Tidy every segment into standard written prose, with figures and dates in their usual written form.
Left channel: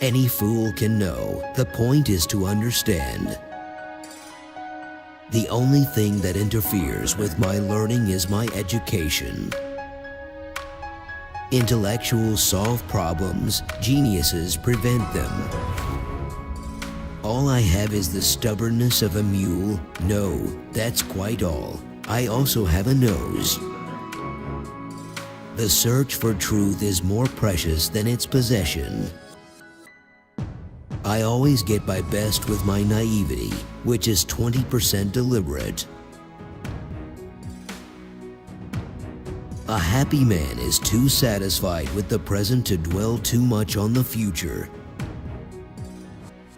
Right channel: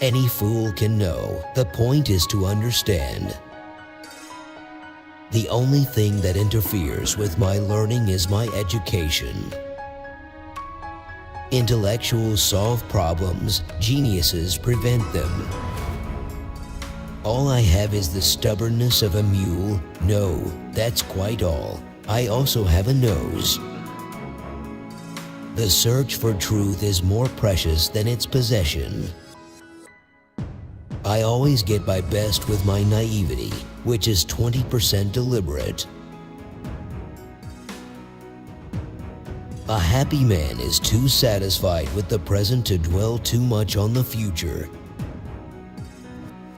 Any fool can know. The point is to understand. The only thing that interferes with my learning is my education. Intellectuals solve problems, geniuses prevent them. All I have is the stubbornness of a mule. No, that's quite all. I also have a nose. The search for truth is more precious than its possession. I always get my best with my naivety, which is 20% deliberate. A happy man is too satisfied with the present to dwell too much on the future.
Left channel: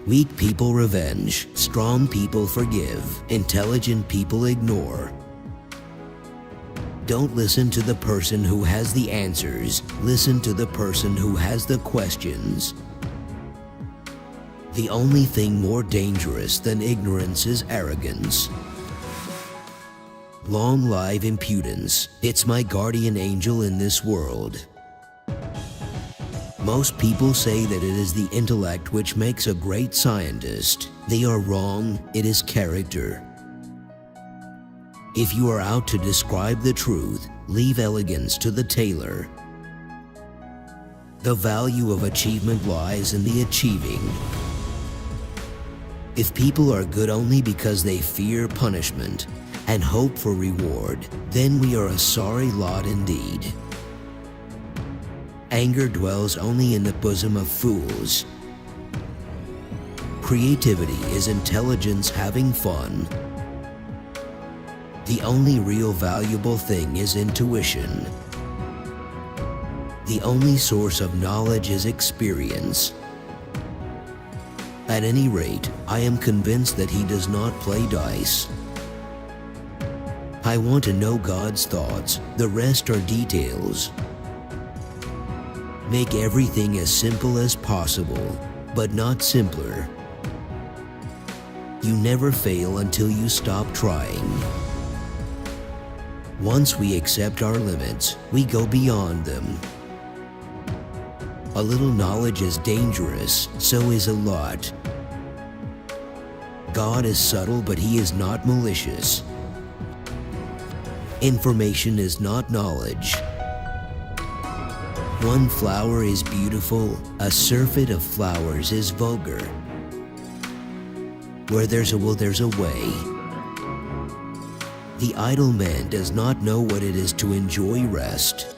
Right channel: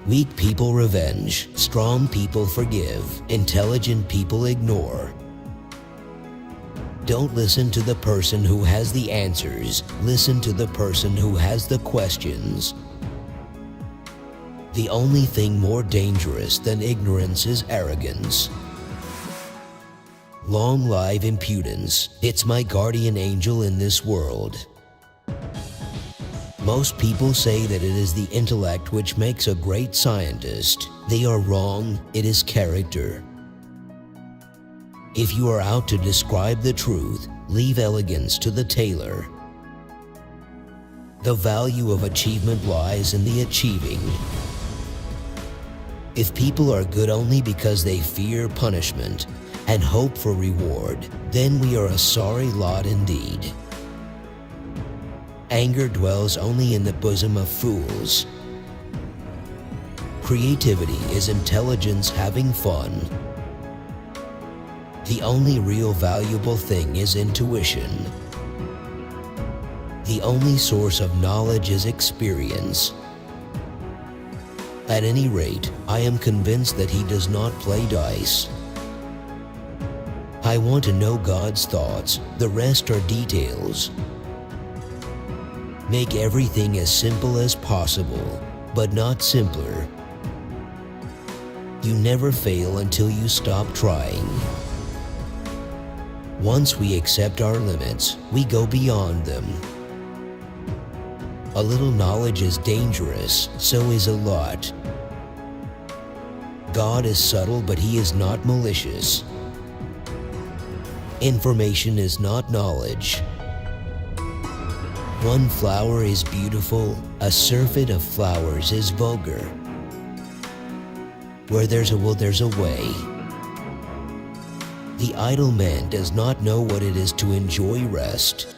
Weak people revenge, strong people forgive, intelligent people ignore. Don't listen to the person who has the answers, listen to the person who has the questions. The only thing more dangerous than ignorance is arrogance. Long live impudence, it's my guardian angel in this world. Most people say that it is the intellect which makes a great scientist. They are wrong, it is character. If you are out to describe the truth, leave elegance to the tailor. The value of achievement lies in the achieving. If people are good only because they fear punishment and hope for reward, then we are a sorry lot indeed. Anger dwells only in the bosom of fools. Creativity is intelligence having fun. The only real valuable thing is intuition. The only source of knowledge is experience. At any rate, I am convinced that he does not play dice. I want to know God's thoughts, the rest are details. Make everything as simple as possible, but not simpler. You never fail until you stop trying. Once we accept our limits, we go beyond them. A little knowledge is dangerous, so is a lot. God is subtle, but he is not malicious. Information is not knowledge. One flower is beautiful, a surfeit of flowers is vulgar. Where there's a will, there's a way. The idle man does not know what it is to enjoy rest.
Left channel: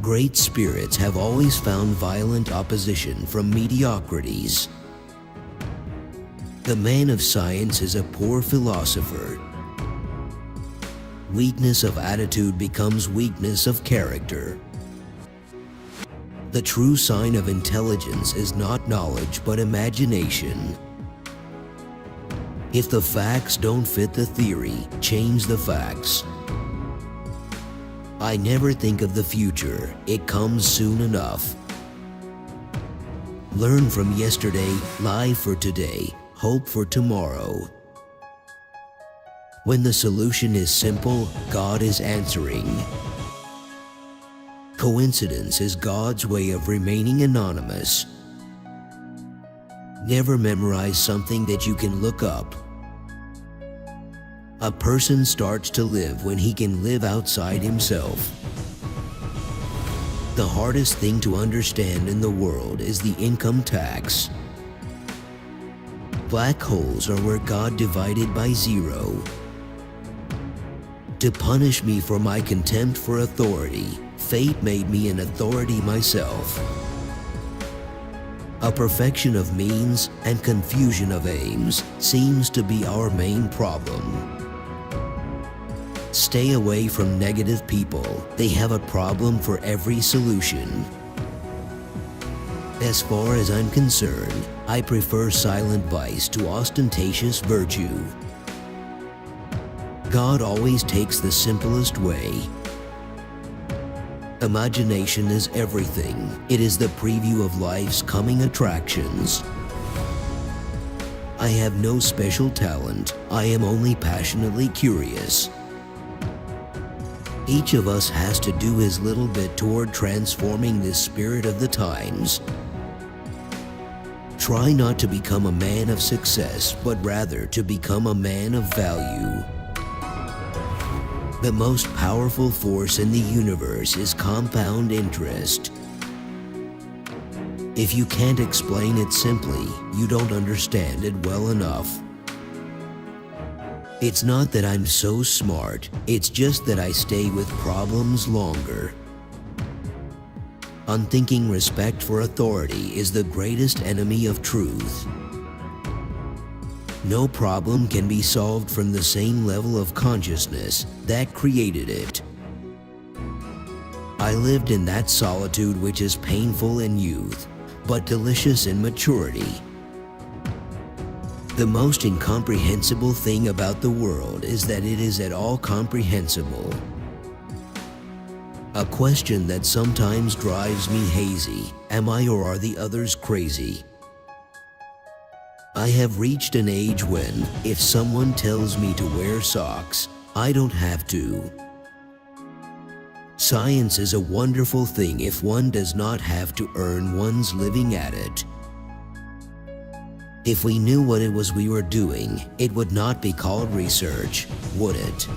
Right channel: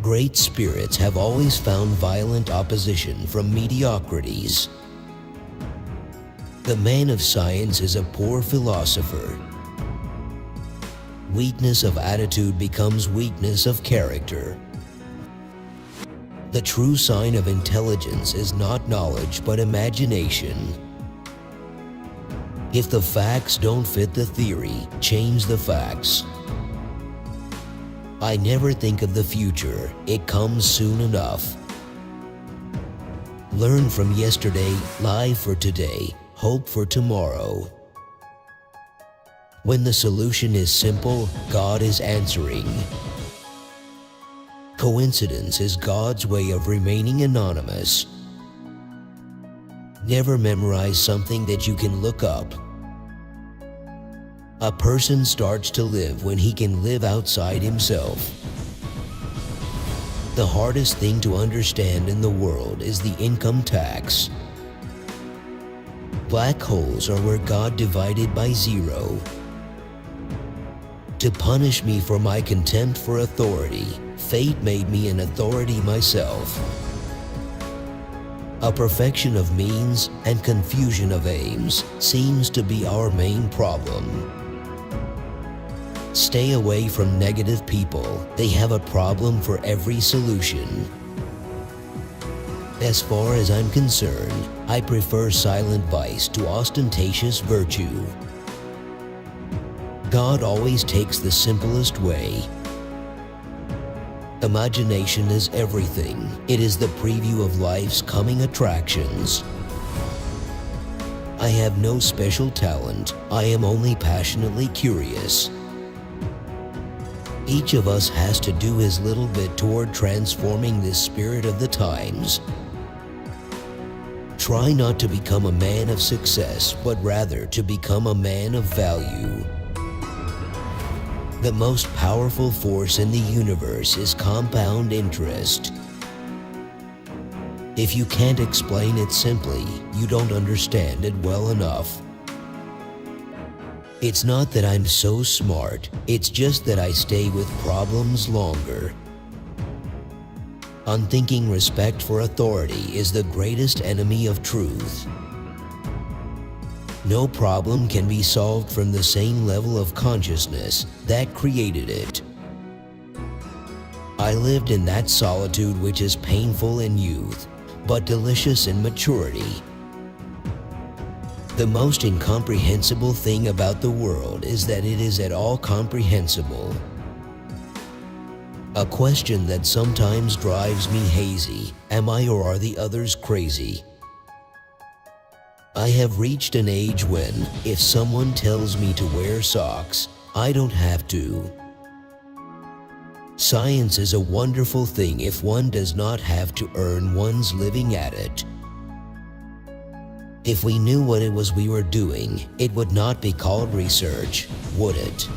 Great spirits have always found violent opposition from mediocrities. The man of science is a poor philosopher. Weakness of attitude becomes weakness of character. The true sign of intelligence is not knowledge but imagination. If the facts don't fit the theory, change the facts. I never think of the future, it comes soon enough. Learn from yesterday, live for today, hope for tomorrow. When the solution is simple, God is answering. Coincidence is God's way of remaining anonymous. Never memorize something that you can look up. A person starts to live when he can live outside himself. The hardest thing to understand in the world is the income tax. Black holes are where God divided by zero. To punish me for my contempt for authority, fate made me an authority myself. A perfection of means and confusion of aims seems to be our main problem. Stay away from negative people. They have a problem for every solution. As far as I'm concerned, I prefer silent vice to ostentatious virtue. God always takes the simplest way. Imagination is everything. It is the preview of life's coming attractions. I have no special talent. I am only passionately curious. Each of us has to do his little bit toward transforming this spirit of the times. Try not to become a man of success, but rather to become a man of value. The most powerful force in the universe is compound interest. If you can't explain it simply, you don't understand it well enough. It's not that I'm so smart, it's just that I stay with problems longer. Unthinking respect for authority is the greatest enemy of truth. No problem can be solved from the same level of consciousness that created it. I lived in that solitude which is painful in youth, but delicious in maturity. The most incomprehensible thing about the world is that it is at all comprehensible. A question that sometimes drives me hazy: am I or are the others crazy? I have reached an age when, if someone tells me to wear socks, I don't have to. Science is a wonderful thing if one does not have to earn one's living at it. If we knew what it was we were doing, it would not be called research, would it?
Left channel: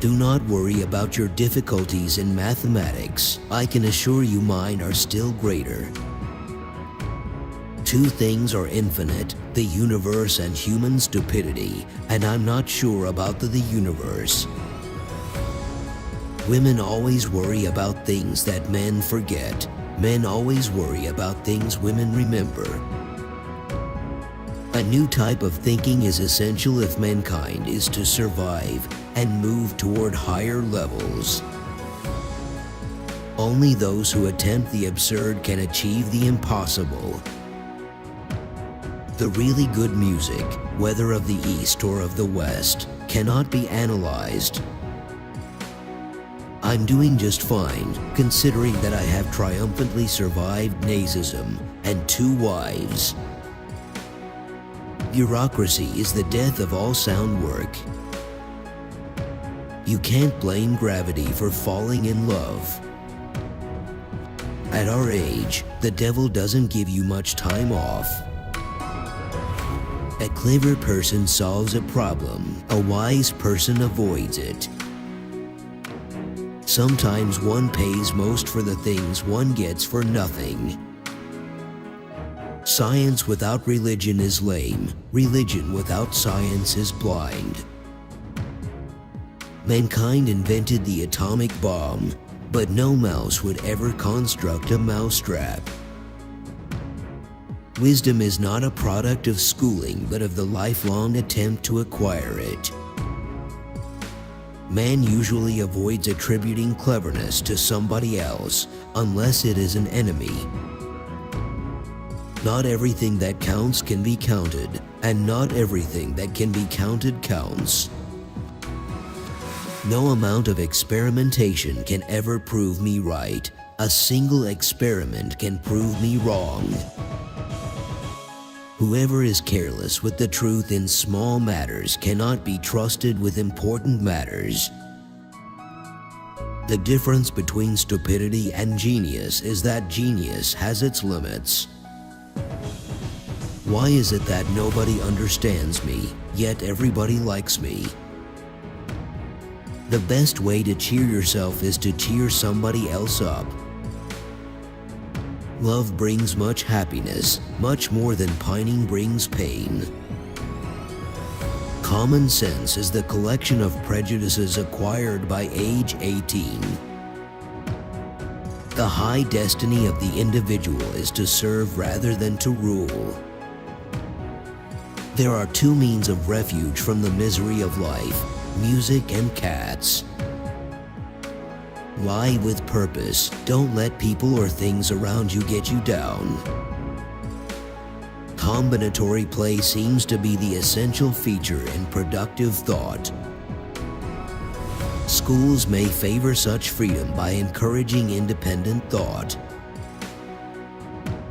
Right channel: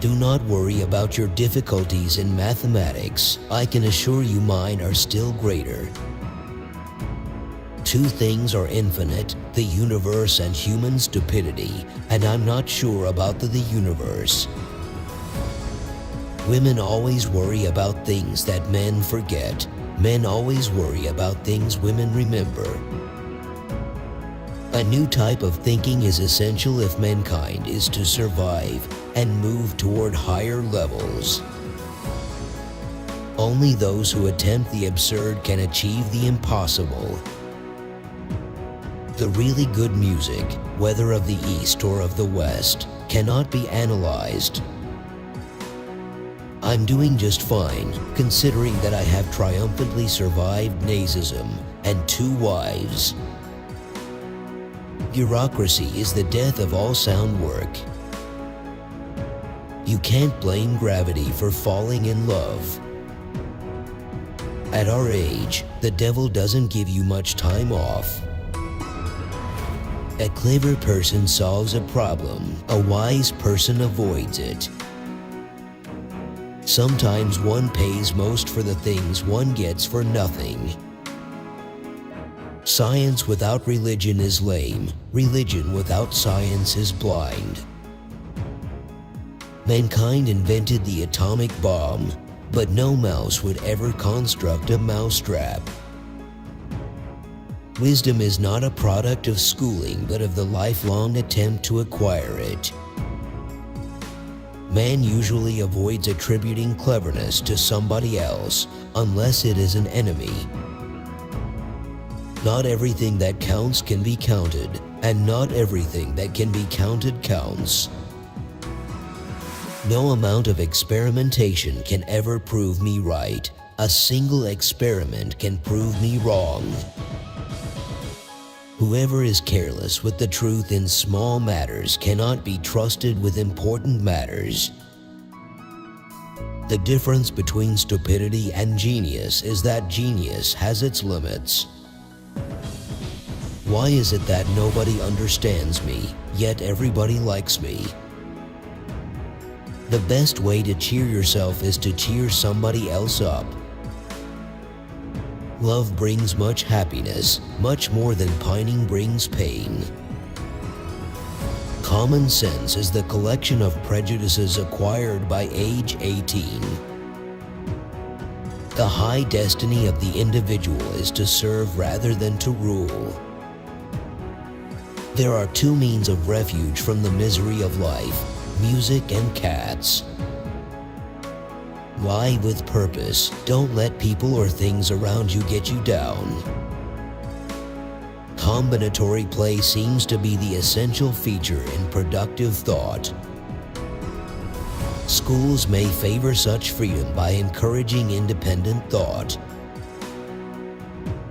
Do not worry about your difficulties in mathematics. I can assure you mine are still greater. Two things are infinite, the universe and human stupidity, and I'm not sure about the universe. Women always worry about things that men forget. Men always worry about things women remember. A new type of thinking is essential if mankind is to survive and move toward higher levels. Only those who attempt the absurd can achieve the impossible. The really good music, whether of the East or of the West, cannot be analyzed. I'm doing just fine, considering that I have triumphantly survived nazism and 2 wives. Bureaucracy is the death of all sound work. You can't blame gravity for falling in love. At our age, the devil doesn't give you much time off. A clever person solves a problem, a wise person avoids it. Sometimes one pays most for the things one gets for nothing. Science without religion is lame. Religion without science is blind. Mankind invented the atomic bomb, but no mouse would ever construct a mousetrap. Wisdom is not a product of schooling, but of the lifelong attempt to acquire it. Man usually avoids attributing cleverness to somebody else, unless it is an enemy. Not everything that counts can be counted, and not everything that can be counted counts. No amount of experimentation can ever prove me right. A single experiment can prove me wrong. Whoever is careless with the truth in small matters cannot be trusted with important matters. The difference between stupidity and genius is that genius has its limits. Why is it that nobody understands me, yet everybody likes me? The best way to cheer yourself is to cheer somebody else up. Love brings much happiness, much more than pining brings pain. Common sense is the collection of prejudices acquired by age 18. The high destiny of the individual is to serve rather than to rule. There are 2 means of refuge from the misery of life: music and cats. Lie with purpose. Don't let people or things around you get you down. Combinatory play seems to be the essential feature in productive thought. Schools may favor such freedom by encouraging independent thought.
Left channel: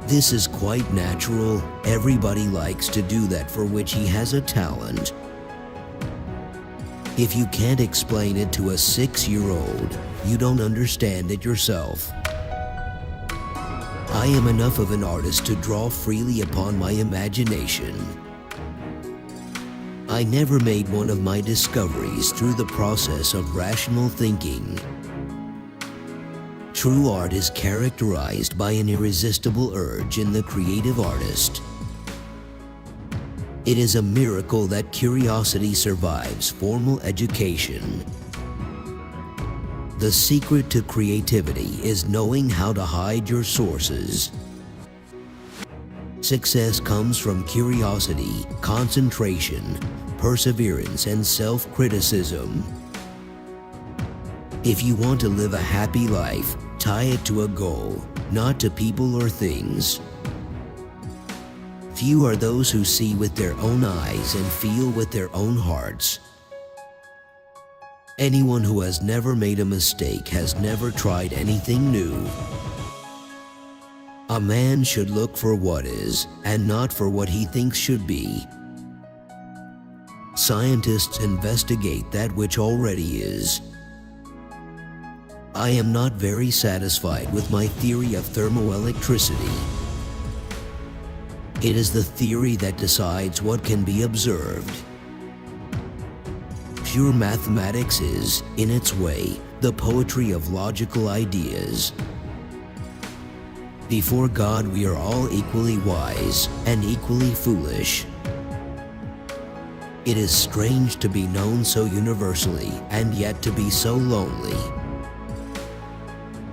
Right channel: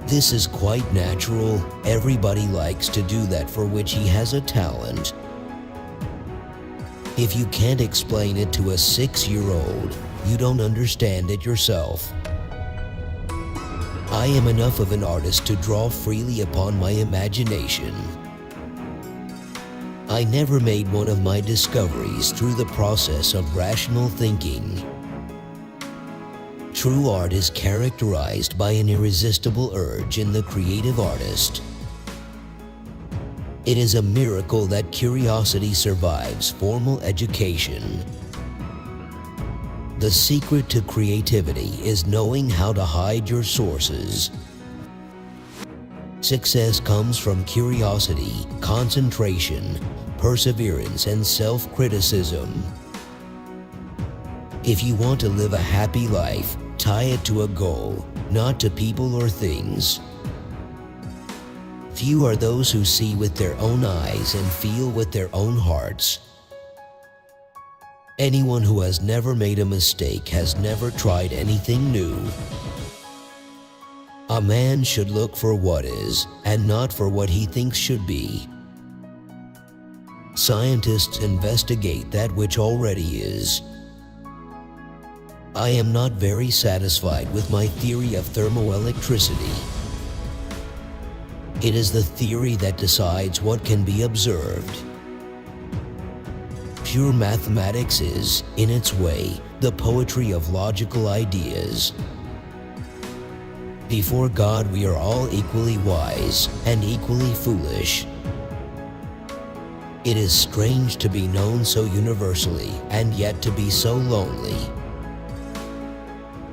This is quite natural. Everybody likes to do that for which he has a talent. If you can't explain it to a 6-year-old, you don't understand it yourself. I am enough of an artist to draw freely upon my imagination. I never made one of my discoveries through the process of rational thinking. True art is characterized by an irresistible urge in the creative artist. It is a miracle that curiosity survives formal education. The secret to creativity is knowing how to hide your sources. Success comes from curiosity, concentration, perseverance, and self-criticism. If you want to live a happy life, tie it to a goal, not to people or things. Few are those who see with their own eyes and feel with their own hearts. Anyone who has never made a mistake has never tried anything new. A man should look for what is, and not for what he thinks should be. Scientists investigate that which already is. I am not very satisfied with my theory of thermoelectricity. It is the theory that decides what can be observed. Pure mathematics is, in its way, the poetry of logical ideas. Before God, we are all equally wise and equally foolish. It is strange to be known so universally and yet to be so lonely.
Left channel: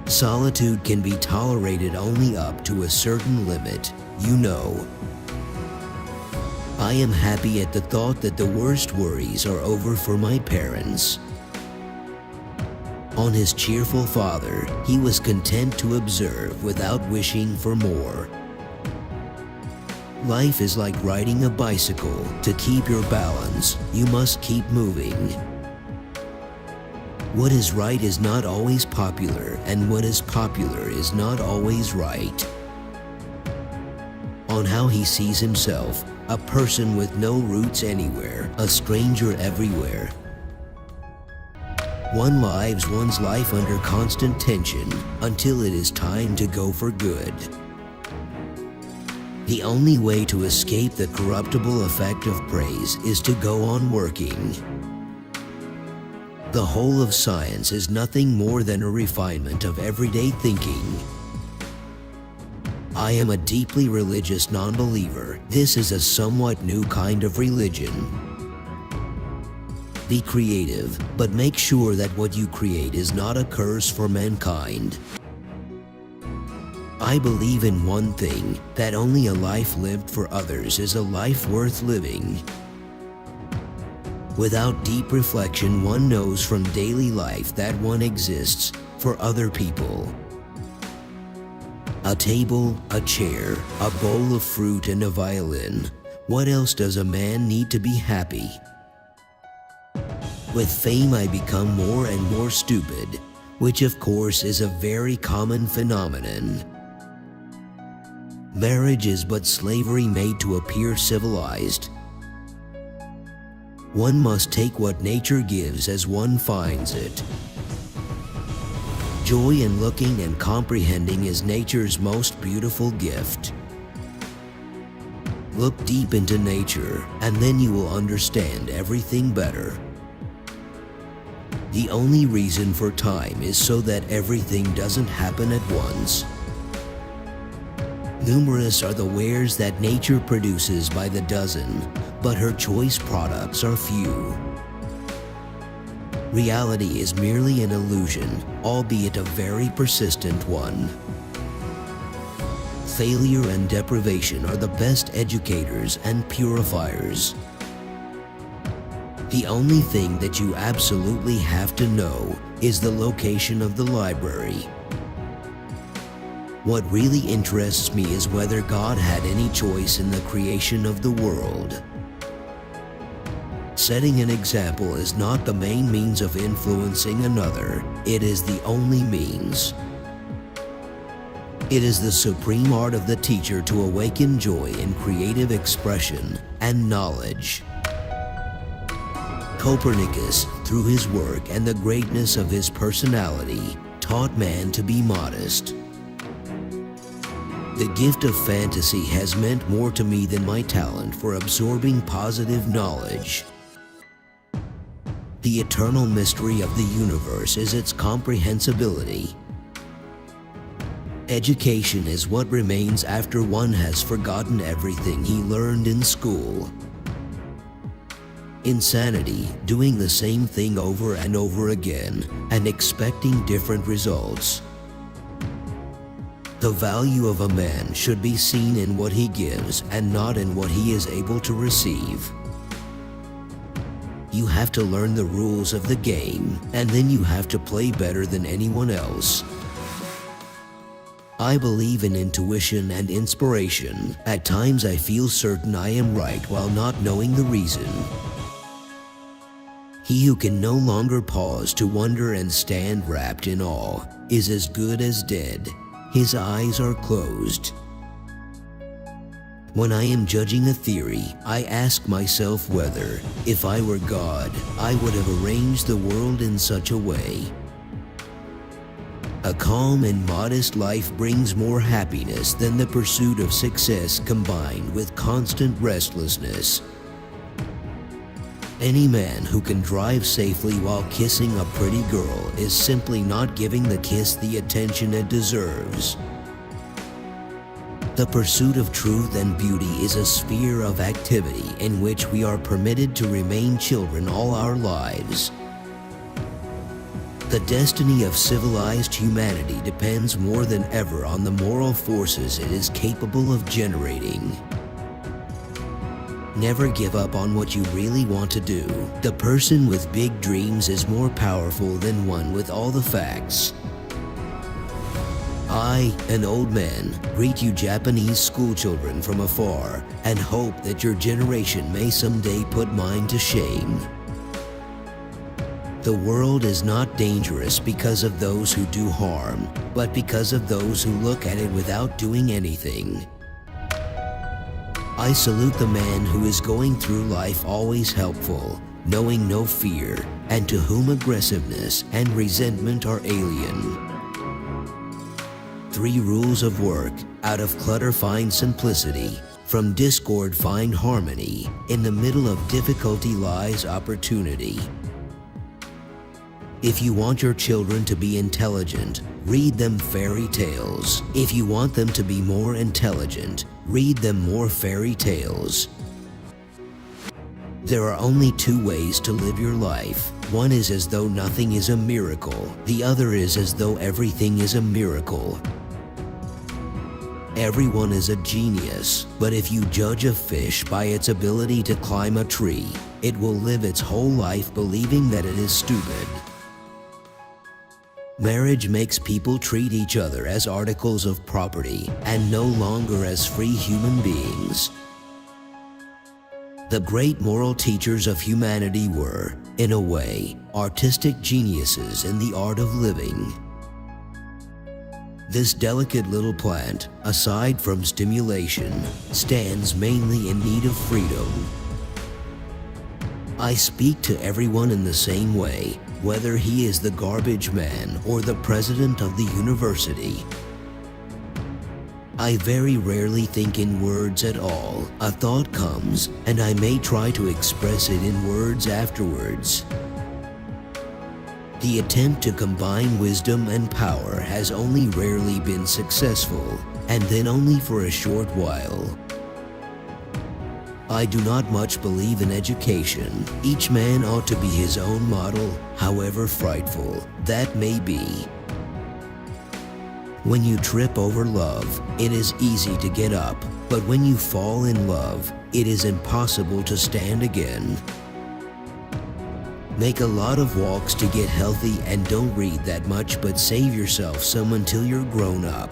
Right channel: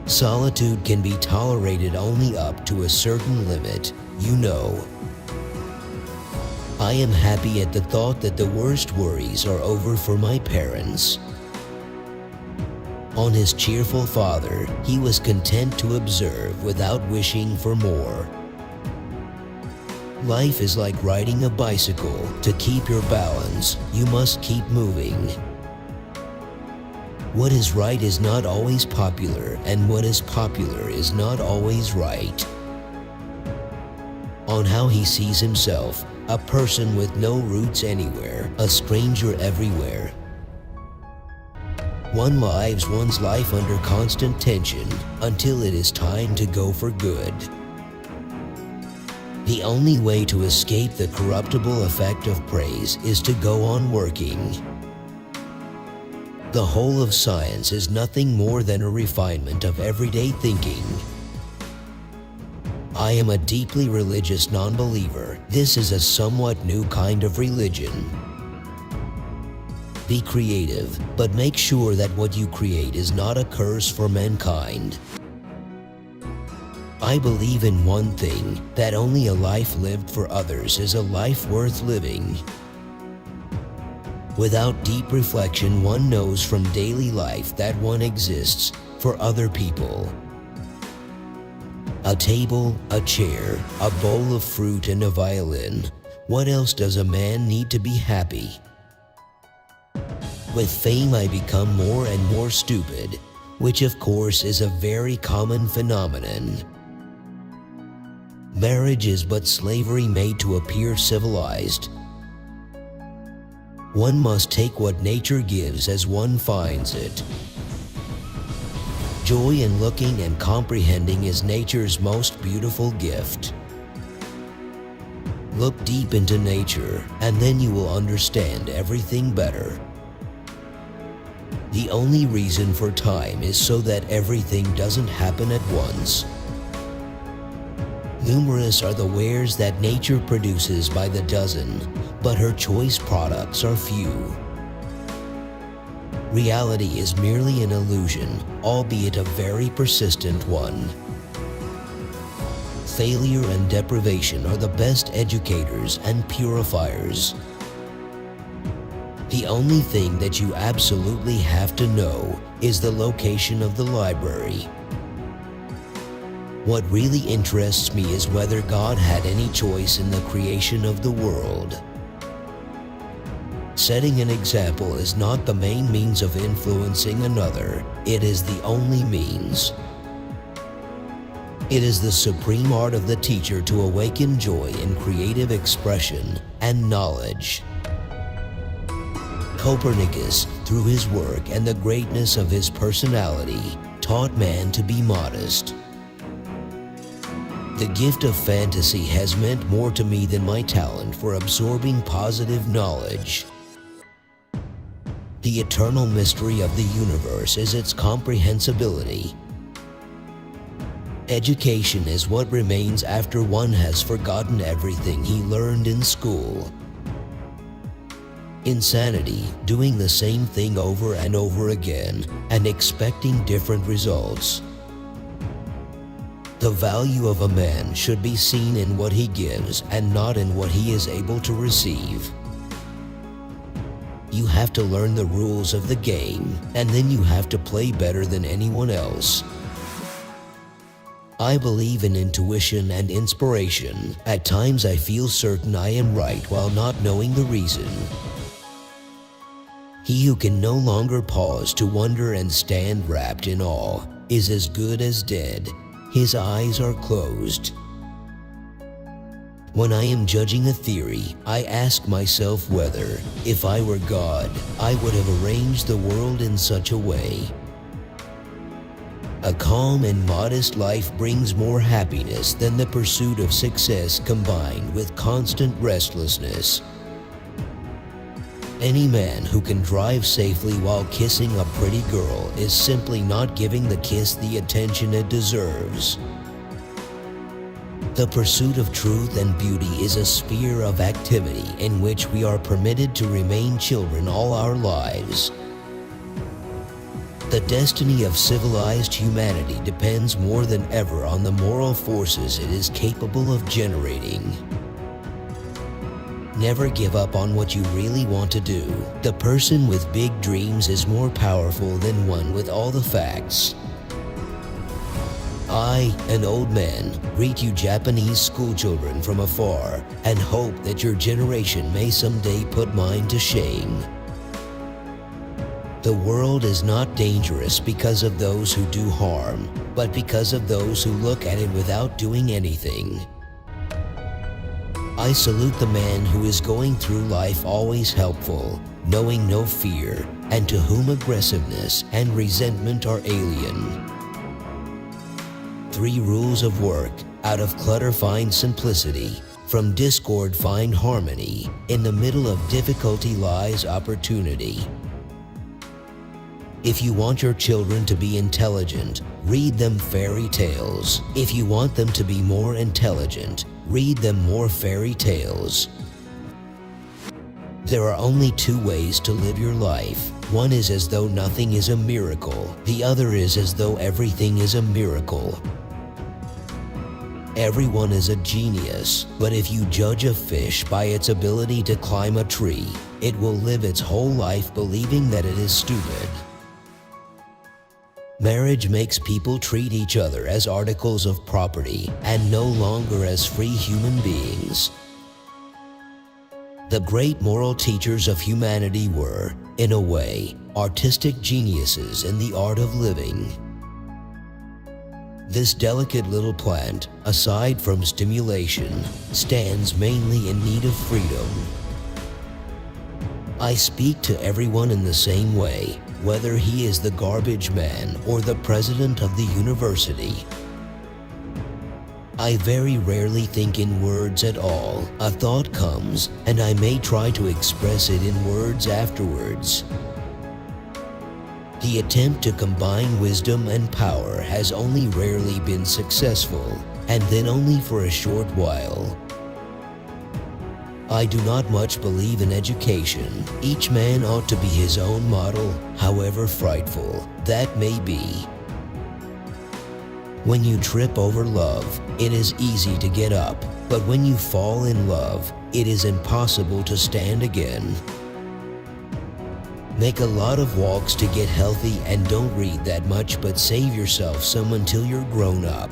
Solitude can be tolerated only up to a certain limit, you know. I am happy at the thought that the worst worries are over for my parents. On his cheerful father, he was content to observe without wishing for more. Life is like riding a bicycle. To keep your balance, you must keep moving. What is right is not always popular, and what is popular is not always right. On how he sees himself, a person with no roots anywhere, a stranger everywhere. One lives one's life under constant tension until it is time to go for good. The only way to escape the corruptible effect of praise is to go on working. The whole of science is nothing more than a refinement of everyday thinking. I am a deeply religious non-believer. This is a somewhat new kind of religion. Be creative, but make sure that what you create is not a curse for mankind. I believe in one thing, that only a life lived for others is a life worth living. Without deep reflection, one knows from daily life that one exists for other people. A table, a chair, a bowl of fruit, and a violin. What else does a man need to be happy? With fame, I become more and more stupid, which of course is a very common phenomenon. Marriage is but slavery made to appear civilized. One must take what nature gives as one finds it. Joy in looking and comprehending is nature's most beautiful gift. Look deep into nature, and then you will understand everything better. The only reason for time is so that everything doesn't happen at once. Numerous are the wares that nature produces by the dozen, but her choice products are few. Reality is merely an illusion, albeit a very persistent one. Failure and deprivation are the best educators and purifiers. The only thing that you absolutely have to know is the location of the library. What really interests me is whether God had any choice in the creation of the world. Setting an example is not the main means of influencing another, it is the only means. It is the supreme art of the teacher to awaken joy in creative expression and knowledge. Copernicus, through his work and the greatness of his personality, taught man to be modest. The gift of fantasy has meant more to me than my talent for absorbing positive knowledge. The eternal mystery of the universe is its comprehensibility. Education is what remains after one has forgotten everything he learned in school. Insanity, doing the same thing over and over again and expecting different results. The value of a man should be seen in what he gives and not in what he is able to receive. You have to learn the rules of the game, and then you have to play better than anyone else. I believe in intuition and inspiration. At times I feel certain I am right while not knowing the reason. He who can no longer pause to wonder and stand wrapped in awe is as good as dead. His eyes are closed. When I am judging a theory, I ask myself whether, if I were God, I would have arranged the world in such a way. A calm and modest life brings more happiness than the pursuit of success combined with constant restlessness. Any man who can drive safely while kissing a pretty girl is simply not giving the kiss the attention it deserves. The pursuit of truth and beauty is a sphere of activity in which we are permitted to remain children all our lives. The destiny of civilized humanity depends more than ever on the moral forces it is capable of generating. Never give up on what you really want to do. The person with big dreams is more powerful than one with all the facts. I, an old man, greet you Japanese schoolchildren from afar and hope that your generation may someday put mine to shame. The world is not dangerous because of those who do harm, but because of those who look at it without doing anything. I salute the man who is going through life always helpful, knowing no fear, and to whom aggressiveness and resentment are alien. 3 rules of work: out of clutter find simplicity, from discord find harmony, in the middle of difficulty lies opportunity. If you want your children to be intelligent, read them fairy tales. If you want them to be more intelligent, read them more fairy tales. There are only 2 ways to live your life. One is as though nothing is a miracle. The other is as though everything is a miracle. Everyone is a genius, but if you judge a fish by its ability to climb a tree, it will live its whole life believing that it is stupid. Marriage makes people treat each other as articles of property and no longer as free human beings. The great moral teachers of humanity were, in a way, artistic geniuses in the art of living. This delicate little plant, aside from stimulation, stands mainly in need of freedom. I speak to everyone in the same way, whether he is the garbage man or the president of the university. I very rarely think in words at all. A thought comes, and I may try to express it in words afterwards. The attempt to combine wisdom and power has only rarely been successful, and then only for a short while. I do not much believe in education. Each man ought to be his own model, however frightful that may be. When you trip over love, it is easy to get up, but when you fall in love, it is impossible to stand again. Make a lot of walks to get healthy and don't read that much, but save yourself some until you're grown up.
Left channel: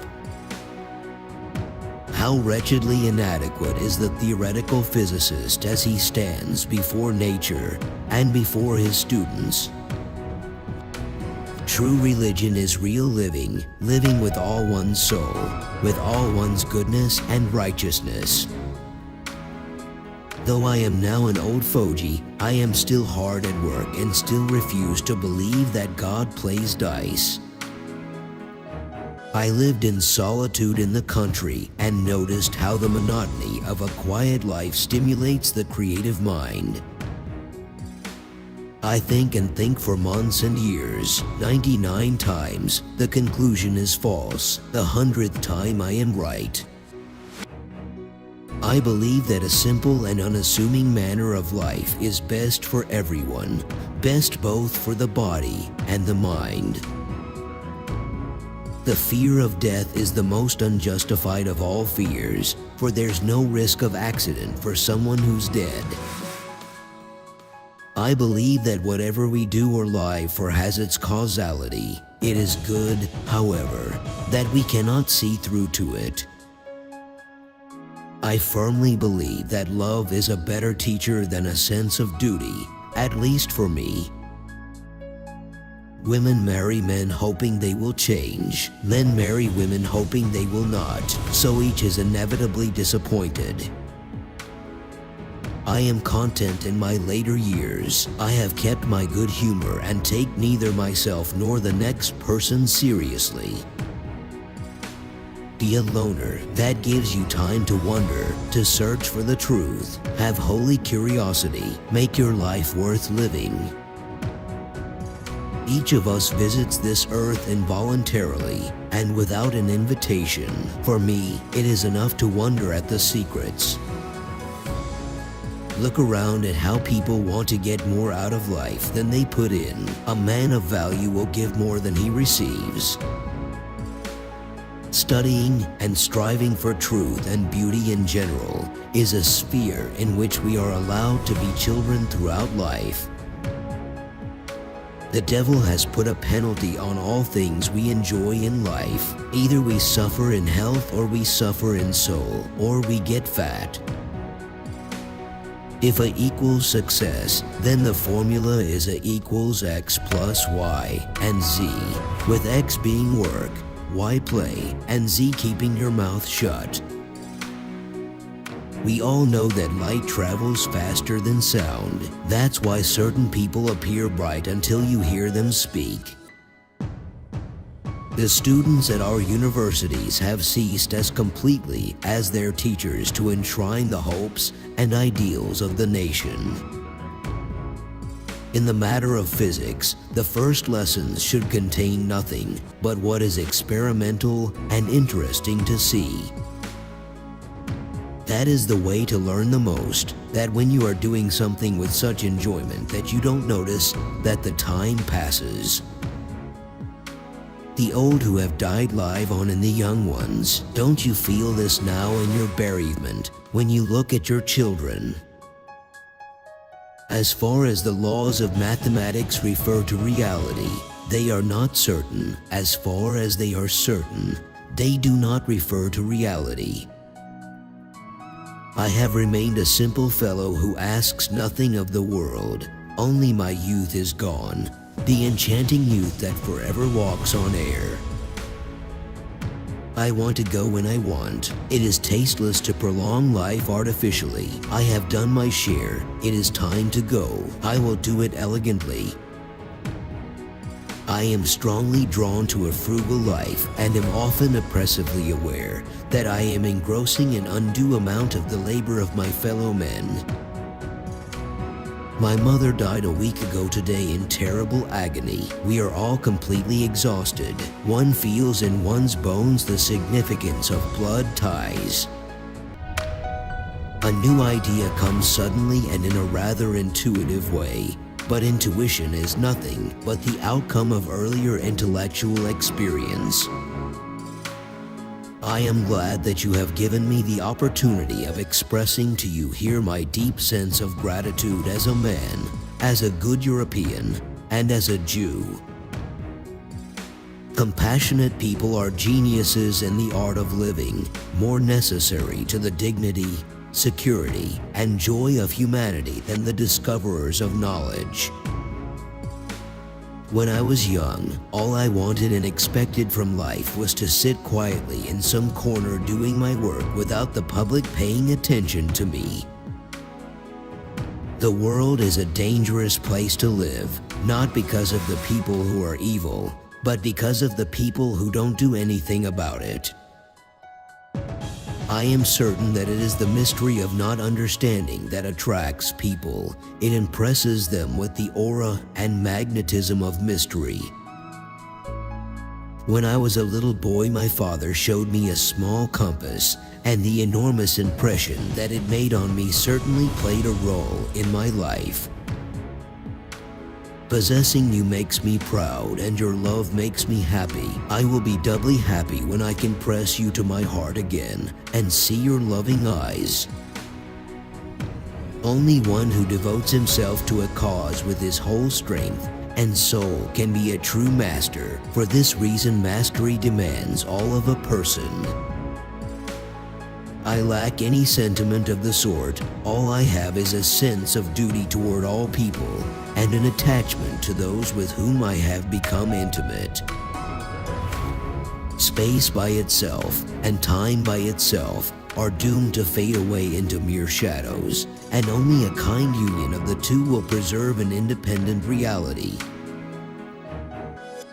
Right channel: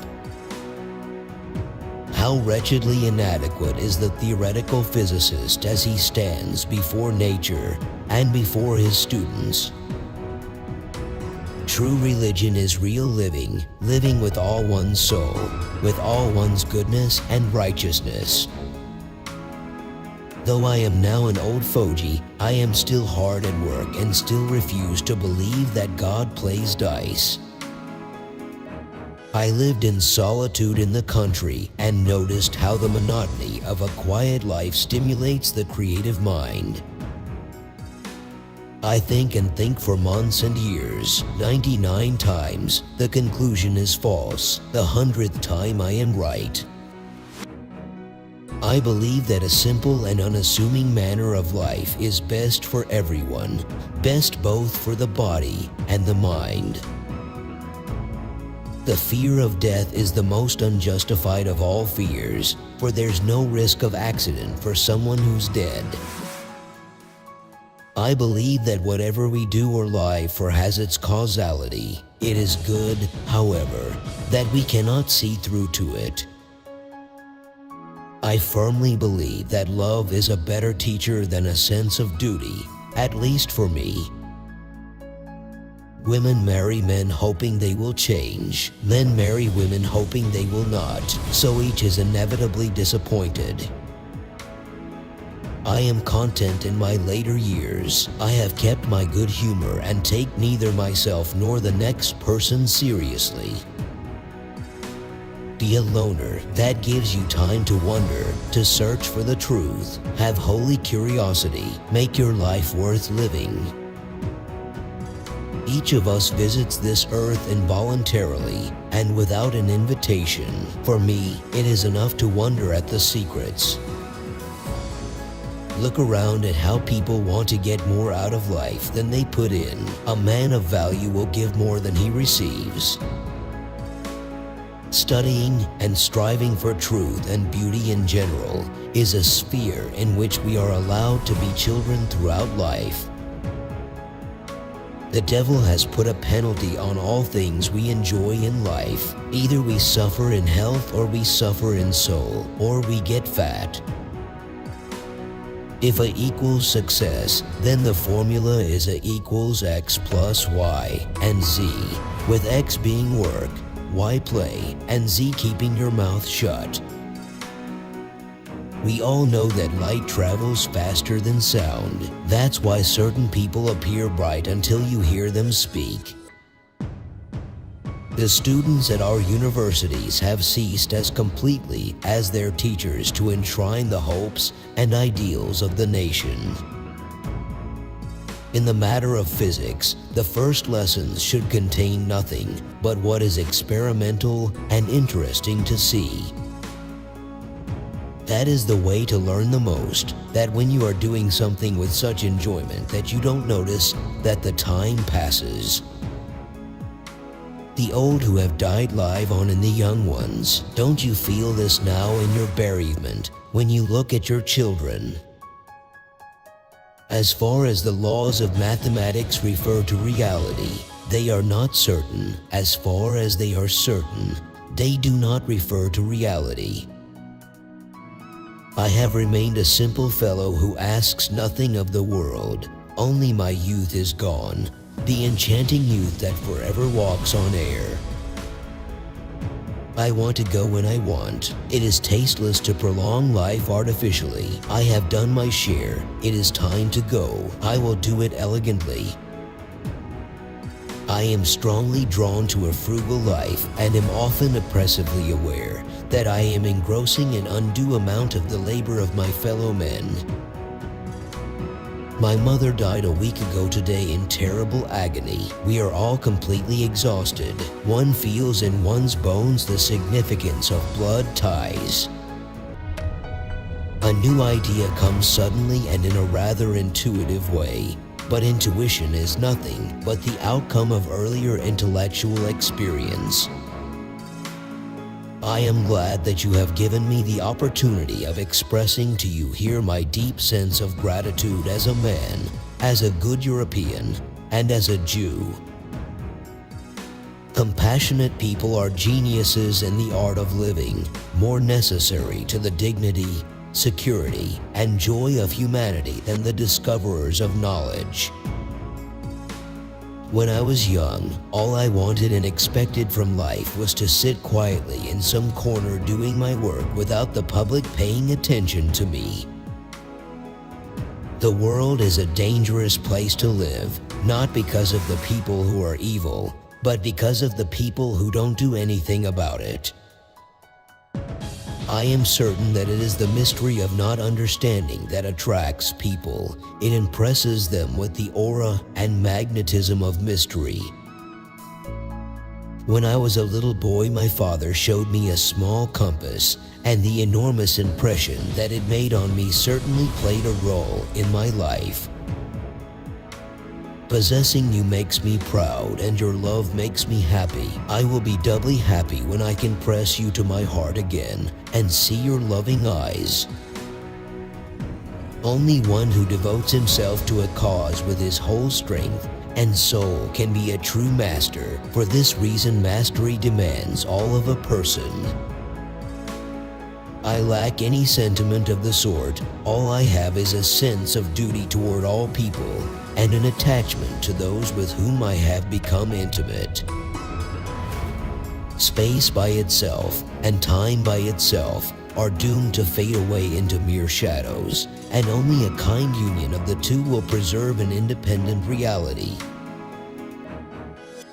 How wretchedly inadequate is the theoretical physicist as he stands before nature and before his students. True religion is real living, living with all one's soul, with all one's goodness and righteousness. Though I am now an old fogey, I am still hard at work and still refuse to believe that God plays dice. I lived in solitude in the country and noticed how the monotony of a quiet life stimulates the creative mind. I think and think for months and years. 99 times, the conclusion is false. The 100th time I am right. I believe that a simple and unassuming manner of life is best for everyone, best both for the body and the mind. The fear of death is the most unjustified of all fears, for there's no risk of accident for someone who's dead. I believe that whatever we do or lie for has its causality. It is good, however, that we cannot see through to it. I firmly believe that love is a better teacher than a sense of duty, at least for me. Women marry men hoping they will change, men marry women hoping they will not, so each is inevitably disappointed. I am content in my later years. I have kept my good humor and take neither myself nor the next person seriously. Be a loner. That gives you time to wonder, to search for the truth. Have holy curiosity. Make your life worth living. Each of us visits this earth involuntarily and without an invitation. For me, it is enough to wonder at the secrets. Look around at how people want to get more out of life than they put in. A man of value will give more than he receives. Studying and striving for truth and beauty in general is a sphere in which we are allowed to be children throughout life. The devil has put a penalty on all things we enjoy in life. Either we suffer in health or we suffer in soul, or we get fat. If A equals success, then the formula is A equals X plus Y and Z, with X being work, Y play, and Z keeping your mouth shut. We all know that light travels faster than sound. That's why certain people appear bright until you hear them speak. The students at our universities have ceased as completely as their teachers to enshrine the hopes and ideals of the nation. In the matter of physics, the first lessons should contain nothing but what is experimental and interesting to see. That is the way to learn the most, that when you are doing something with such enjoyment that you don't notice that the time passes. The old who have died live on in the young ones. Don't you feel this now in your bereavement when you look at your children? As far as the laws of mathematics refer to reality, they are not certain. As far as they are certain, they do not refer to reality. I have remained a simple fellow who asks nothing of the world. Only my youth is gone, the enchanting youth that forever walks on air. I want to go when I want. It is tasteless to prolong life artificially. I have done my share. It is time to go. I will do it elegantly. I am strongly drawn to a frugal life and am often oppressively aware that I am engrossing an undue amount of the labor of my fellow men. My mother died a week ago today in terrible agony. We are all completely exhausted. One feels in one's bones the significance of blood ties. A new idea comes suddenly and in a rather intuitive way. But intuition is nothing but the outcome of earlier intellectual experience. I am glad that you have given me the opportunity of expressing to you here my deep sense of gratitude as a man, as a good European, and as a Jew. Compassionate people are geniuses in the art of living, more necessary to the dignity, security, and joy of humanity than the discoverers of knowledge. When I was young, all I wanted and expected from life was to sit quietly in some corner doing my work without the public paying attention to me. The world is a dangerous place to live, not because of the people who are evil, but because of the people who don't do anything about it. I am certain that it is the mystery of not understanding that attracts people. It impresses them with the aura and magnetism of mystery. When I was a little boy, my father showed me a small compass, and the enormous impression that it made on me certainly played a role in my life. Possessing you makes me proud, and your love makes me happy. I will be doubly happy when I can press you to my heart again and see your loving eyes. Only one who devotes himself to a cause with his whole strength and soul can be a true master. For this reason, mastery demands all of a person. I lack any sentiment of the sort. All I have is a sense of duty toward all people and an attachment to those with whom I have become intimate. Space by itself and time by itself are doomed to fade away into mere shadows, and only a kind union of the two will preserve an independent reality.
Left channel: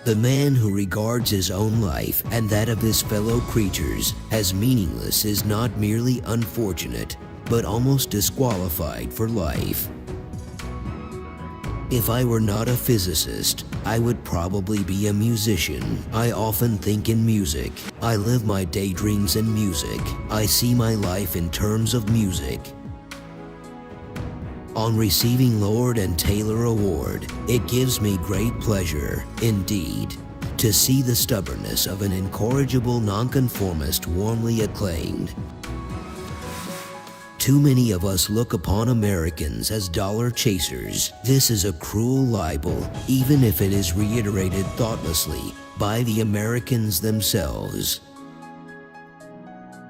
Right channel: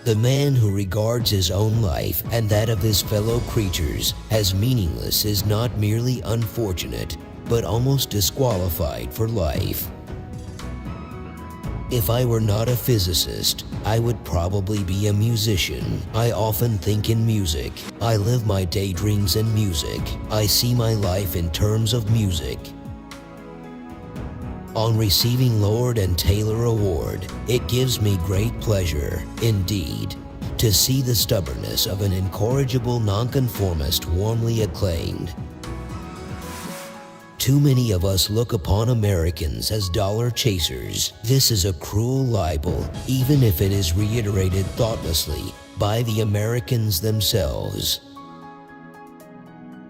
The man who regards his own life and that of his fellow creatures as meaningless is not merely unfortunate, but almost disqualified for life. If I were not a physicist, I would probably be a musician. I often think in music. I live my daydreams in music. I see my life in terms of music. On receiving Lord and Taylor Award, it gives me great pleasure, indeed, to see the stubbornness of an incorrigible nonconformist warmly acclaimed. Too many of us look upon Americans as dollar chasers. This is a cruel libel, even if it is reiterated thoughtlessly by the Americans themselves.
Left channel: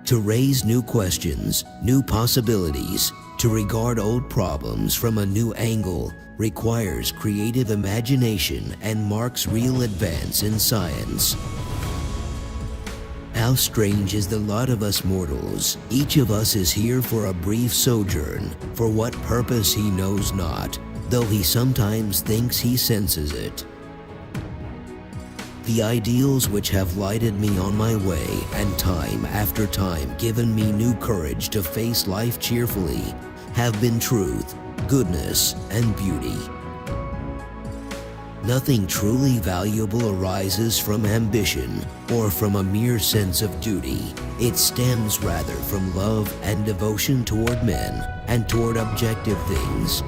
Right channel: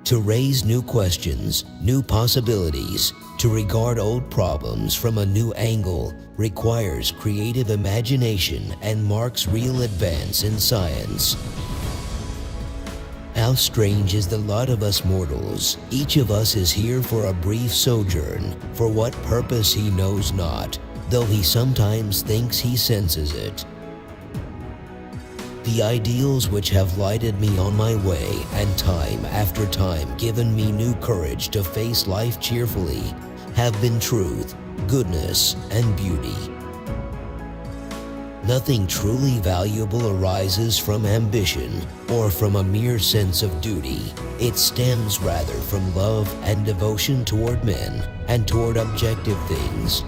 To raise new questions, new possibilities, to regard old problems from a new angle requires creative imagination and marks real advance in science. How strange is the lot of us mortals. Each of us is here for a brief sojourn, for what purpose he knows not, though he sometimes thinks he senses it. The ideals which have lighted me on my way and time after time given me new courage to face life cheerfully have been truth, goodness, and beauty. Nothing truly valuable arises from ambition or from a mere sense of duty. It stems rather from love and devotion toward men and toward objective things.